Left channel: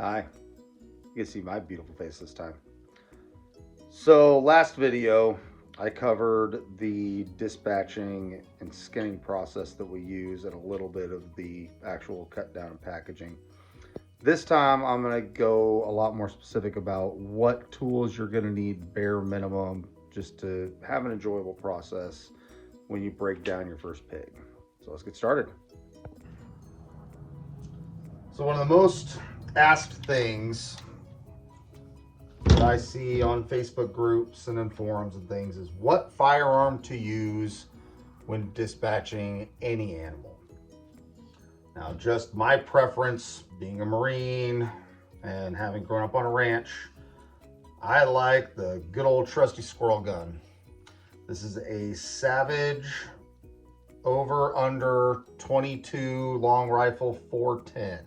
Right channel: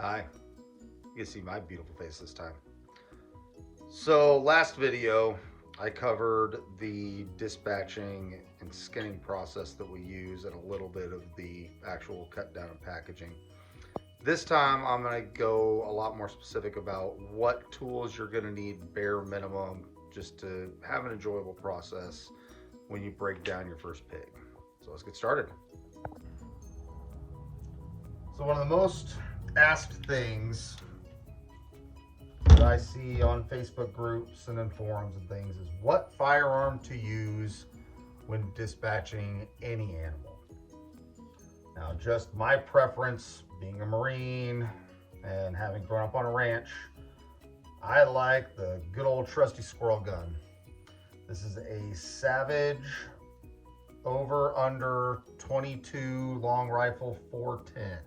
Hi, you can see my beautiful face this time. So, last video, I covered the dispatching and skinning process that we use and a little bit of the actual cut down and packaging. This time, I'm going to go a lot more specific about what tools you're going to need bare minimum just to have an enjoyable process when you break down your first pig. So, let's get started. So, one of the most asked things that I see on Facebook groups and in forums and things is what firearm to use when dispatching any animal. Now, just my preference, being a Marine and having grown up on a ranch, I like the good old trusty squirrel gun. This is a Savage over under 22 long rifle 410.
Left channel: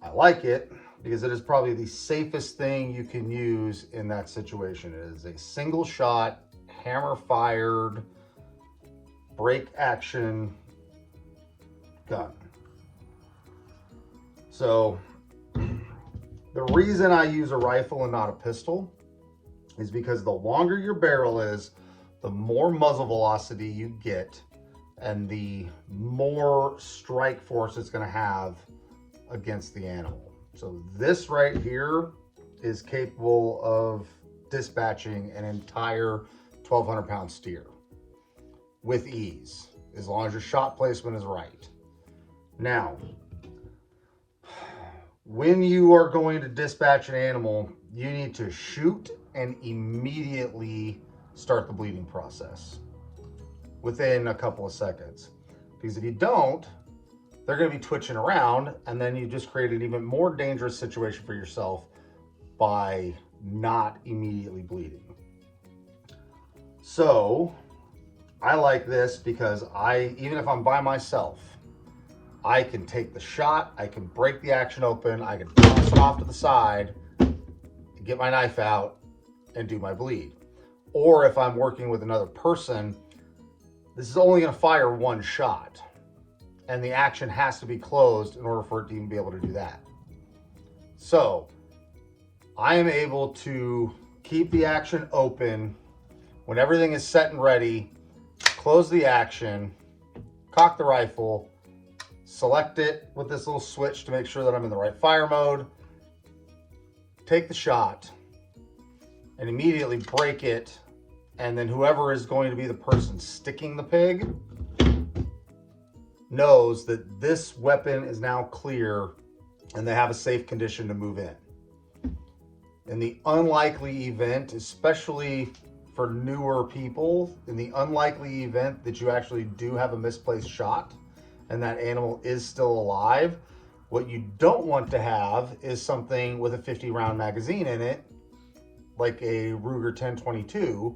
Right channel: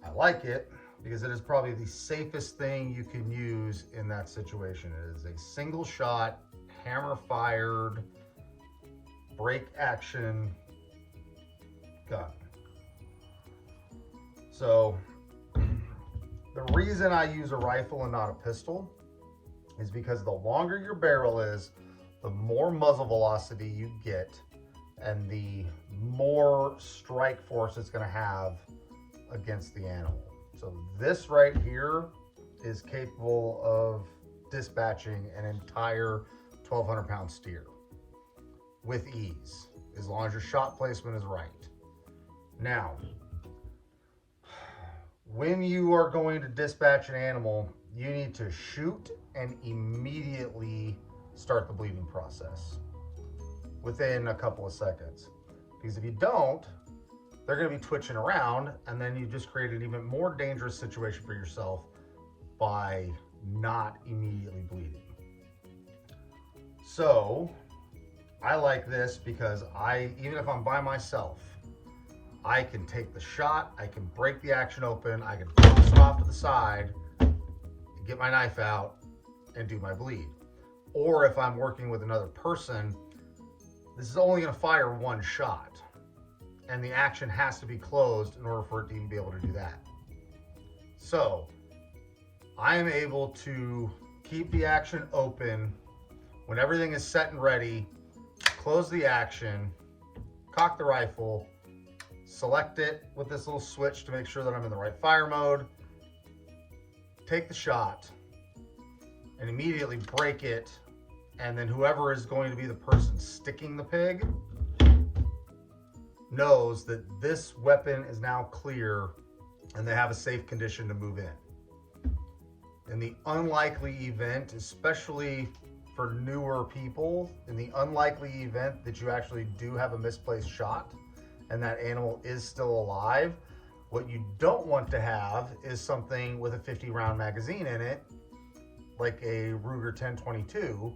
I like it because it is probably the safest thing you can use in that situation. It is a single shot, hammer fired, break action gun. So the reason I use a rifle and not a pistol is because the longer your barrel is, the more muzzle velocity you get and the more strike force it's going to have against the animal. So this right here is capable of dispatching an entire 1,200 pound steer with ease, as long as your shot placement is right. Now, when you are going to dispatch an animal, you need to shoot and immediately start the bleeding process within a couple of seconds. Because if you don't, they're going to be twitching around, and then you just create an even more dangerous situation for yourself by not immediately bleeding. So I like this because even if I'm by myself, I can take the shot, I can break the action open, I can toss it off to the side, get my knife out, and do my bleed. Or if I'm working with another person, this is only going to fire one shot, and the action has to be closed in order for it to even be able to do that. So I am able to keep the action open when everything is set and ready, close the action, cock the rifle, select it with this little switch to make sure that I'm in the right fire mode, take the shot, and immediately break it. And then whoever is going to be the person sticking the pig knows that this weapon is now clear and they have a safe condition to move in. In the unlikely event, especially for newer people, in the unlikely event that you actually do have a misplaced shot and that animal is still alive, what you don't want to have is something with a 50 round magazine in it, like a Ruger 10/22,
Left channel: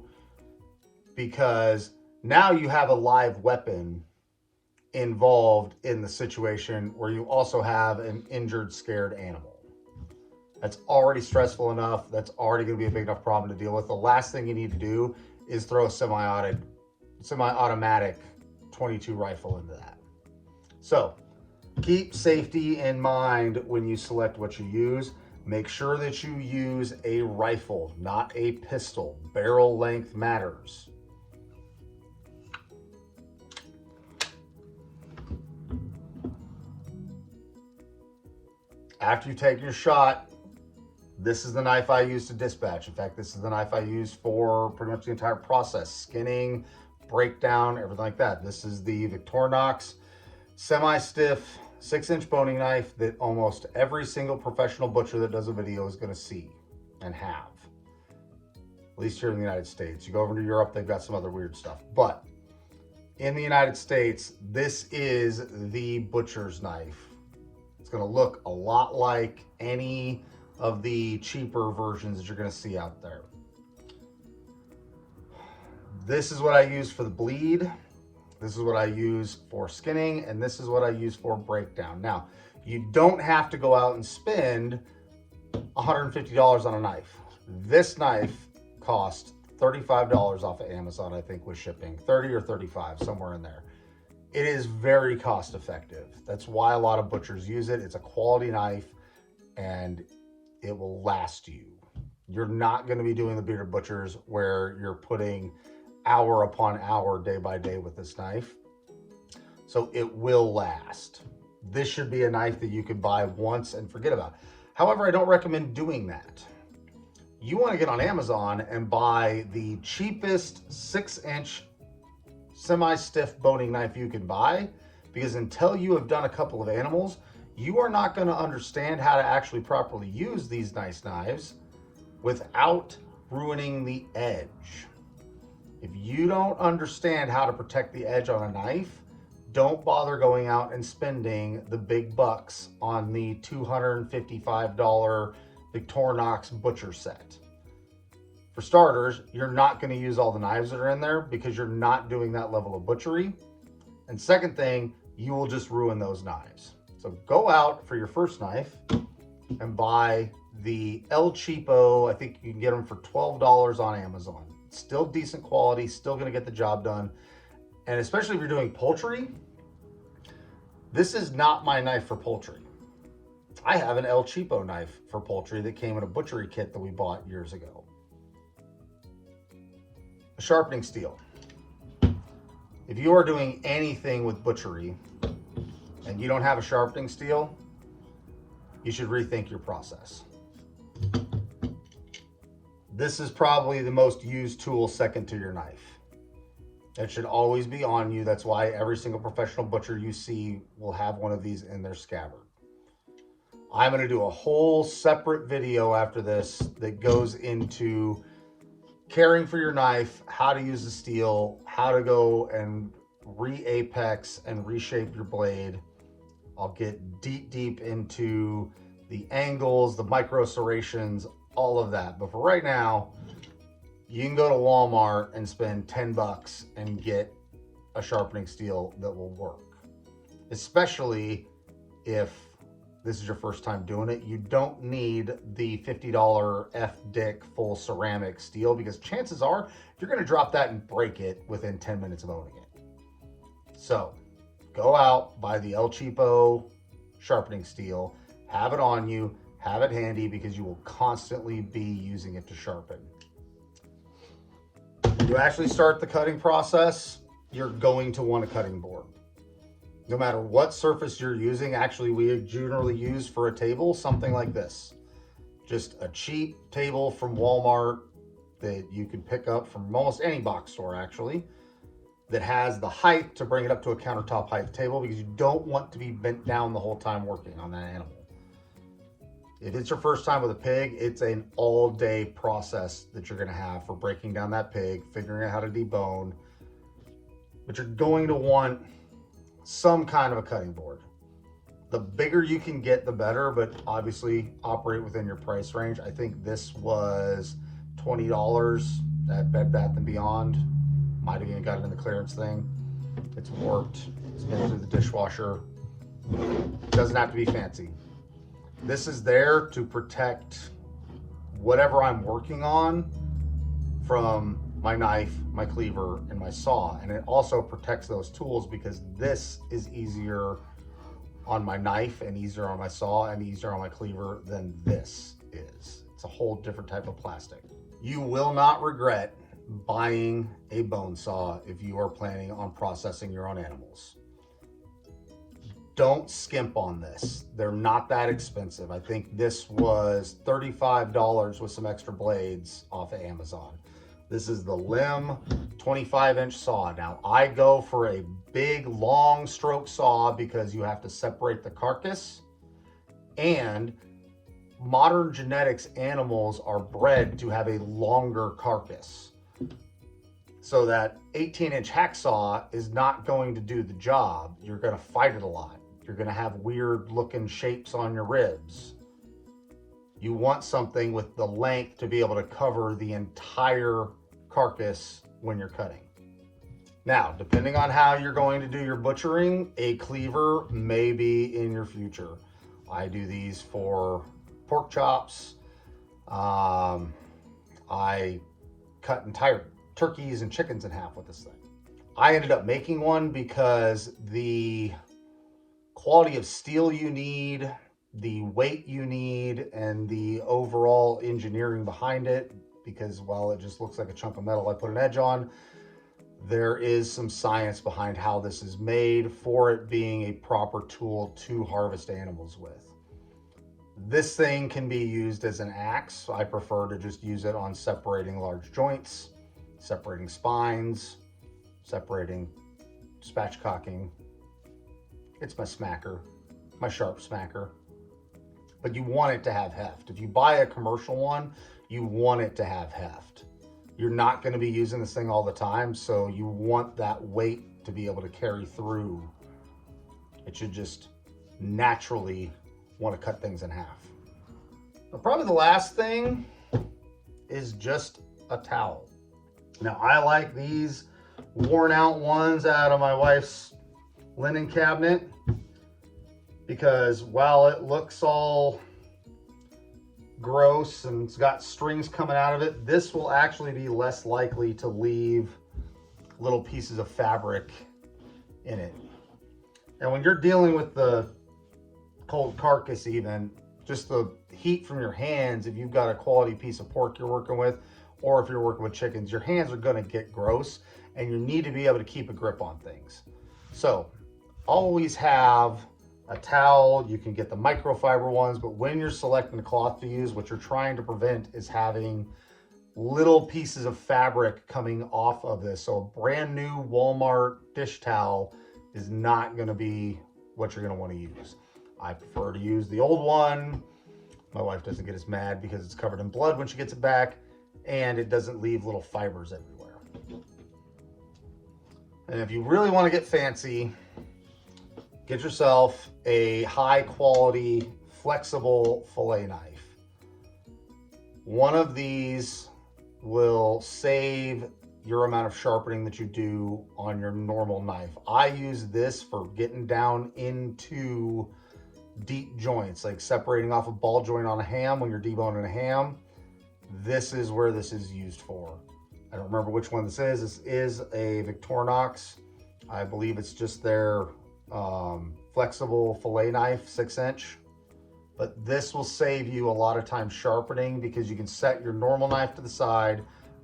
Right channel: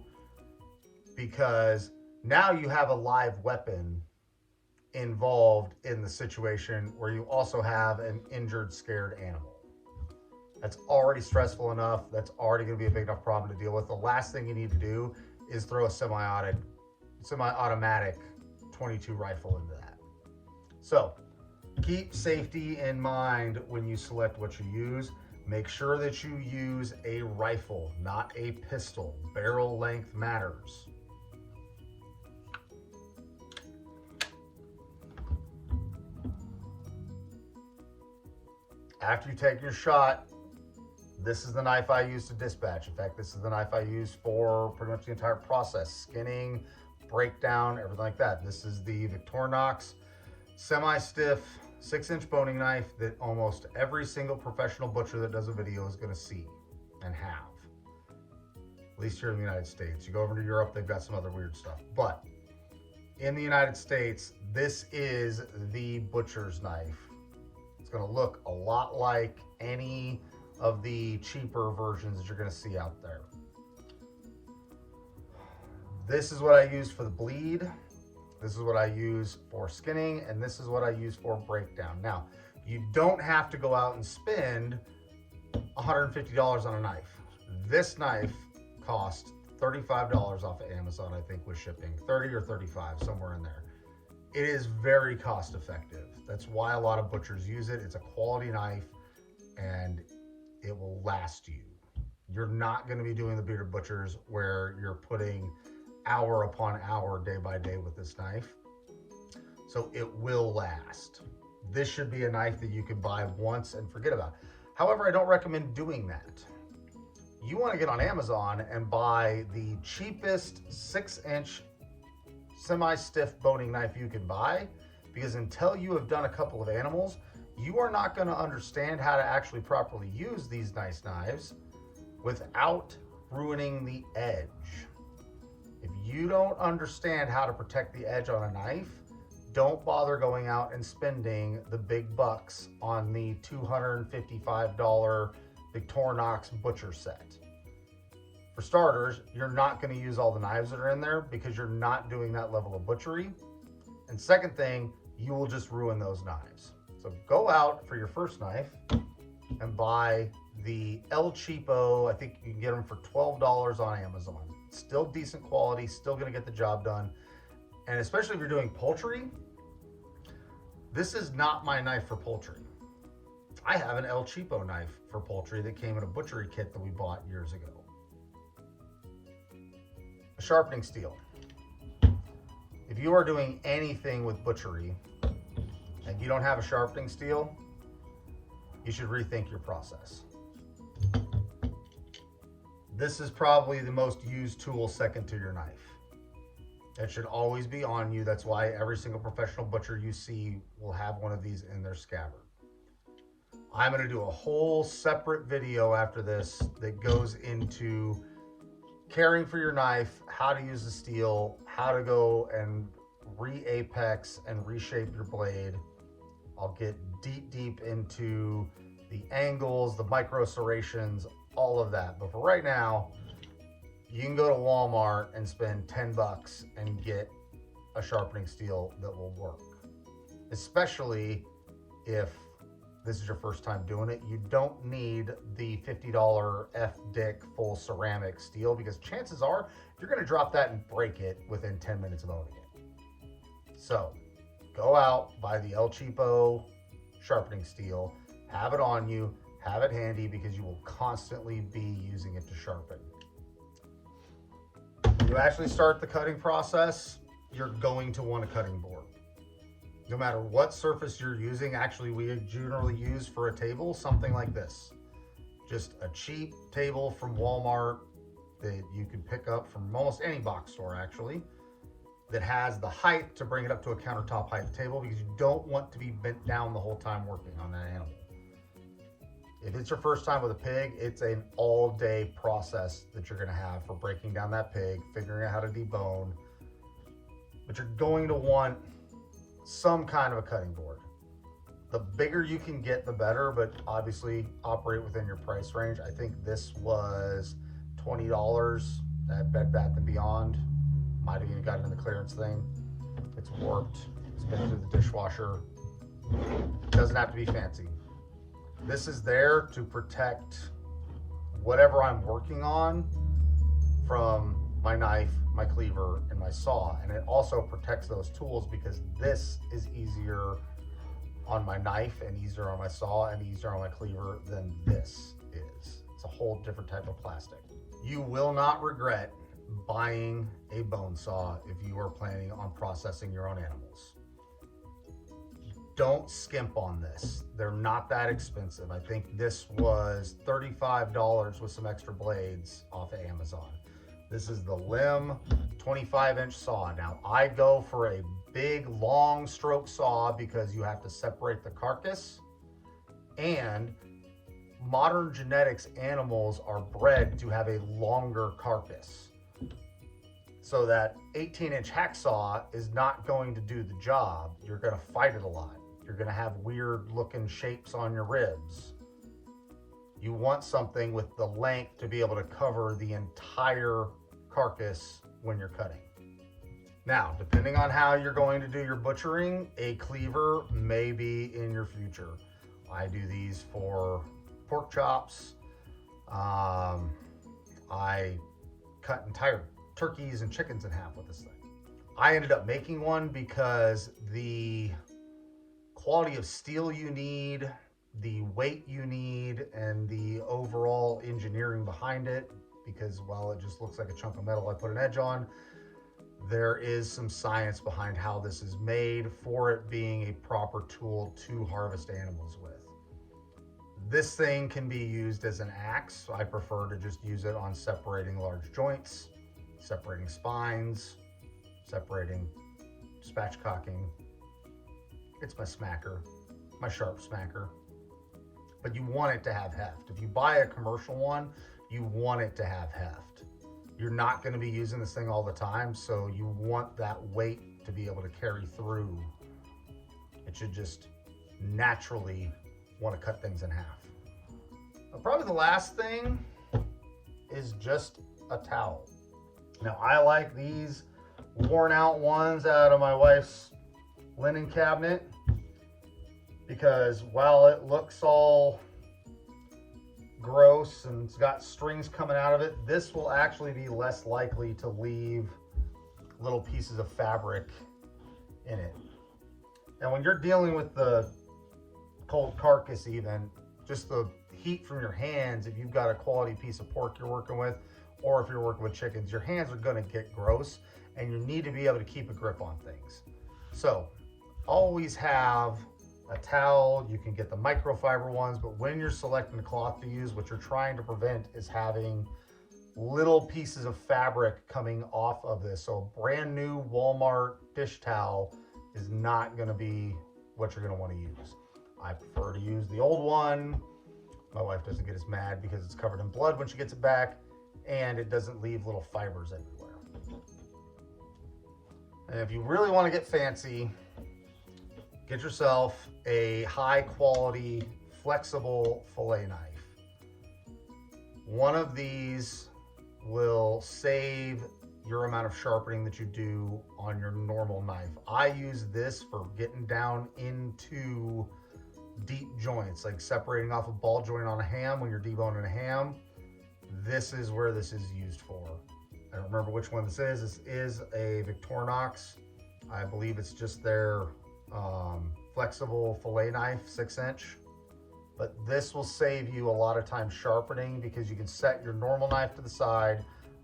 because now you have a live weapon involved in the situation where you also have an injured, scared animal. That's already stressful enough. That's already going to be a big enough problem to deal with. The last thing you need to do is throw a semi-automatic 22 rifle into that. So keep safety in mind when you select what you use. Make sure that you use a rifle, not a pistol. Barrel length matters. After you take your shot, this is the knife I use to dispatch. In fact, this is the knife I use for pretty much the entire process. Skinning, breakdown, everything like that. This is the Victorinox semi-stiff 6-inch boning knife that almost every single professional butcher that does a video is going to see and have. At least here in the United States. You go over to Europe, they've got some other weird stuff. But in the United States, this is the butcher's knife. It's going to look a lot like any of the cheaper versions that you're going to see out there. This is what I use for the bleed. This is what I use for skinning, and this is what I use for breakdown. Now, you don't have to go out and spend $150 on a knife. This knife cost $35 off of Amazon, I think, with shipping. 30 or 35, somewhere in there. It is very cost effective. That's why a lot of butchers use it. It's a quality knife. and it will last you. You're not going to be doing the bearded butchers where you're putting hour upon hour, day by day with this knife. So it will last. This should be a knife that you could buy once and forget about. However, I don't recommend doing that. You want to get on Amazon and buy the cheapest 6-inch semi-stiff boning knife you can buy, because until you have done a couple of animals, you are not going to understand how to actually properly use these nice knives without ruining the edge. If you don't understand how to protect the edge on a knife, don't bother going out and spending the big bucks on the $255 Victorinox butcher set. For starters, you're not going to use all the knives that are in there because you're not doing that level of butchery. And second thing, you will just ruin those knives. So go out for your first knife and buy the El Cheapo. I think you can get them for $12 on Amazon. Still decent quality, still going to get the job done. And especially if you're doing poultry, this is not my knife for poultry. I have an El Cheapo knife for poultry that came in a butchery kit that we bought years ago. A sharpening steel. If you are doing anything with butchery and you don't have a sharpening steel, you should rethink your process. This is probably the most used tool second to your knife. It should always be on you. That's why every single professional butcher you see will have one of these in their scabbard. I'm going to do a whole separate video after this that goes into caring for your knife, how to use the steel, how to go and re-apex and reshape your blade. I'll get deep into the angles, the micro serrations, all of that. But for right now, you can go to Walmart and spend 10 bucks and get a sharpening steel that will work. Especially if this is your first time doing it. You don't need the $50 F-Dick full ceramic steel, because chances are you're going to drop that and break it within 10 minutes of owning it. So go out, buy the El Cheapo sharpening steel, have it on you, have it handy, because you will constantly be using it to sharpen. When you actually start the cutting process, you're going to want a cutting board. No matter what surface you're using, actually we generally use for a table something like this. Just a cheap table from Walmart that you can pick up from almost any box store actually, that has the height to bring it up to a countertop height table, because you don't want to be bent down the whole time working on that animal. If it's your first time with a pig, it's an all-day process that you're going to have for breaking down that pig, figuring out how to debone. But you're going to want some kind of a cutting board. The bigger you can get, the better, but obviously operate within your price range. I think this was $20 at Bed Bath & Beyond. Might have even got it in the clearance thing. It's warped. It's been through the dishwasher. Doesn't have to be fancy. This is there to protect whatever I'm working on from my knife, my cleaver, and my saw. And it also protects those tools, because this is easier on my knife and easier on my saw and easier on my cleaver than this is. It's a whole different type of plastic. You will not regret buying a bone saw if you are planning on processing your own animals. Don't skimp on this. They're not that expensive. I think this was $35 with some extra blades off of Amazon. This is the Limb 25-inch saw. Now, I go for a big, long stroke saw because you have to separate the carcass, and modern genetics animals are bred to have a longer carcass. So that 18-inch hacksaw is not going to do the job. You're going to fight it a lot. You're going to have weird looking shapes on your ribs. You want something with the length to be able to cover the entire carcass when you're cutting. Now, depending on how you're going to do your butchering, a cleaver may be in your future. I do these for pork chops. I cut entire turkeys and chickens in half with this thing. I ended up making one because the quality of steel you need the weight you need and the overall engineering behind it, because while it just looks like a chunk of metal I put an edge on, there is some science behind how this is made for it being a proper tool to harvest animals with. This thing can be used as an axe. I prefer to just use it on separating large joints, separating spines, separating spatchcocking. It's my smacker, my sharp smacker. But you want it to have heft. If you buy a commercial one, you want it to have heft. You're not going to be using this thing all the time, so you want that weight to be able to carry through. It should just naturally want to cut things in half. But probably the last thing is just a towel. Now, I like these worn out ones out of my wife's linen cabinet, because while it looks all gross and it's got strings coming out of it, this will actually be less likely to leave little pieces of fabric in it. And when you're dealing with the cold carcass, even just the heat from your hands, if you've got a quality piece of pork you're working with, or if you're working with chickens, your hands are going to get gross, and you need to be able to keep a grip on things. So always have a towel. You can get the microfiber ones, but when you're selecting the cloth to use, what you're trying to prevent is having little pieces of fabric coming off of this. So a brand new Walmart dish towel is not going to be what you're going to want to use. I prefer to use the old one. My wife doesn't get as mad because it's covered in blood when she gets it back, and it doesn't leave little fibers everywhere. And if you really want to get fancy, get yourself a high quality, flexible fillet knife. One of these will save your amount of sharpening that you do on your normal knife. I use this for getting down into deep joints, like separating off a ball joint on a ham when you're deboning a ham. This is where this is used for. I don't remember which one this is. This is a Victorinox. I believe it's just their flexible fillet knife, 6-inch. But this will save you a lot of time sharpening, because you can set your normal knife to the side,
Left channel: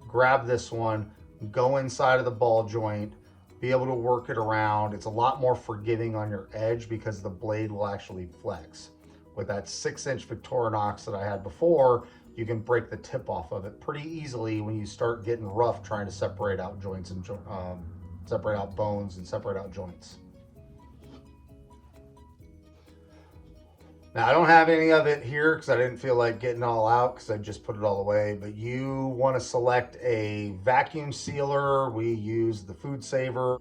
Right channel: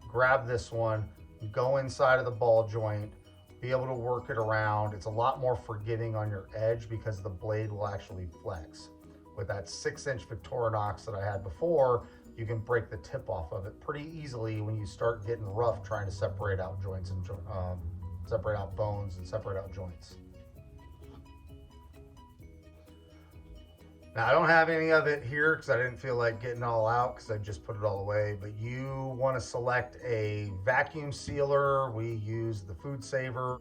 grab this one, go inside of the ball joint, be able to work it around. It's a lot more forgiving on your edge because the blade will actually flex. With that 6-inch Victorinox that I had before, you can break the tip off of it pretty easily when you start getting rough trying to separate out joints and separate out bones and separate out joints. Now, I don't have any of it here because I didn't feel like getting it all out, because I just put it all away. But you want to select a vacuum sealer. We use the Food Saver.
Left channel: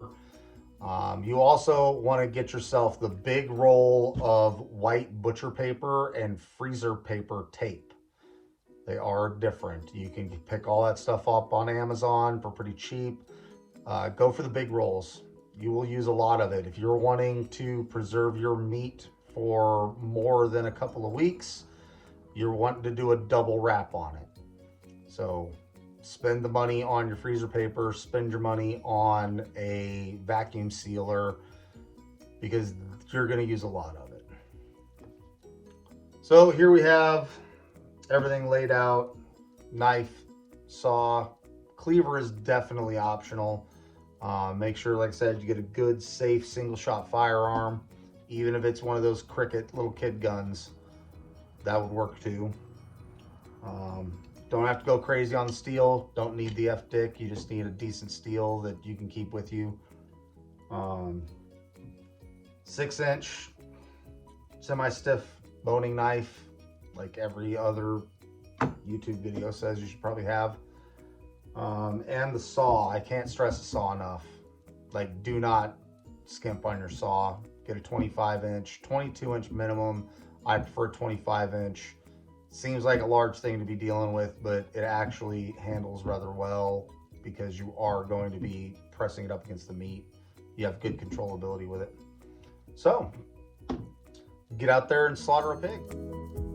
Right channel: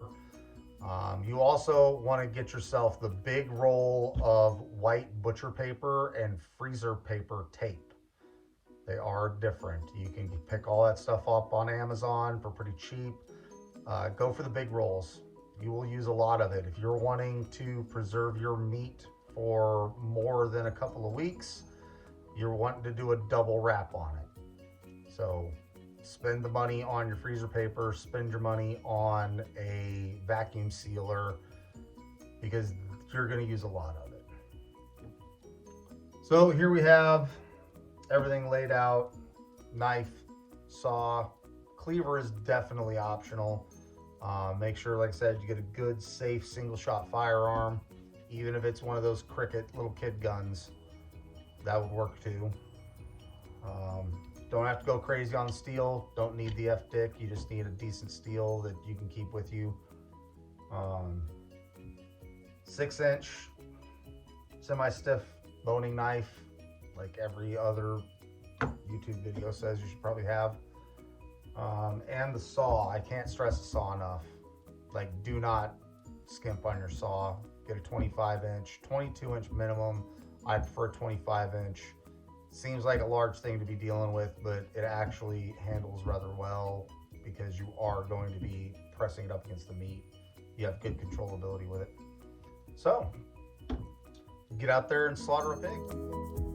You also want to get yourself the big roll of white butcher paper and freezer paper tape. They are different. You can pick all that stuff up on Amazon for pretty cheap. Go for the big rolls. You will use a lot of it. If you're wanting to preserve your meat for more than a couple of weeks, you're wanting to do a double wrap on it. So spend the money on your freezer paper, spend your money on a vacuum sealer, because you're going to use a lot of it. So here we have everything laid out. Knife, saw, cleaver is definitely optional. Make sure, like I said, you get a good, safe, single shot firearm. Even if it's one of those Cricket little kid guns, that would work too. Don't have to go crazy on the steel. Don't need the F-dick. You just need a decent steel that you can keep with you. 6-inch semi-stiff boning knife, like every other YouTube video says you should probably have. And the saw. I can't stress the saw enough. Like, do not skimp on your saw. Get a 25-inch, 22-inch minimum. I prefer 25-inch. Seems like a large thing to be dealing with, but it actually handles rather well because you are going to be pressing it up against the meat. You have good controllability with it. So, get out there and slaughter a pig.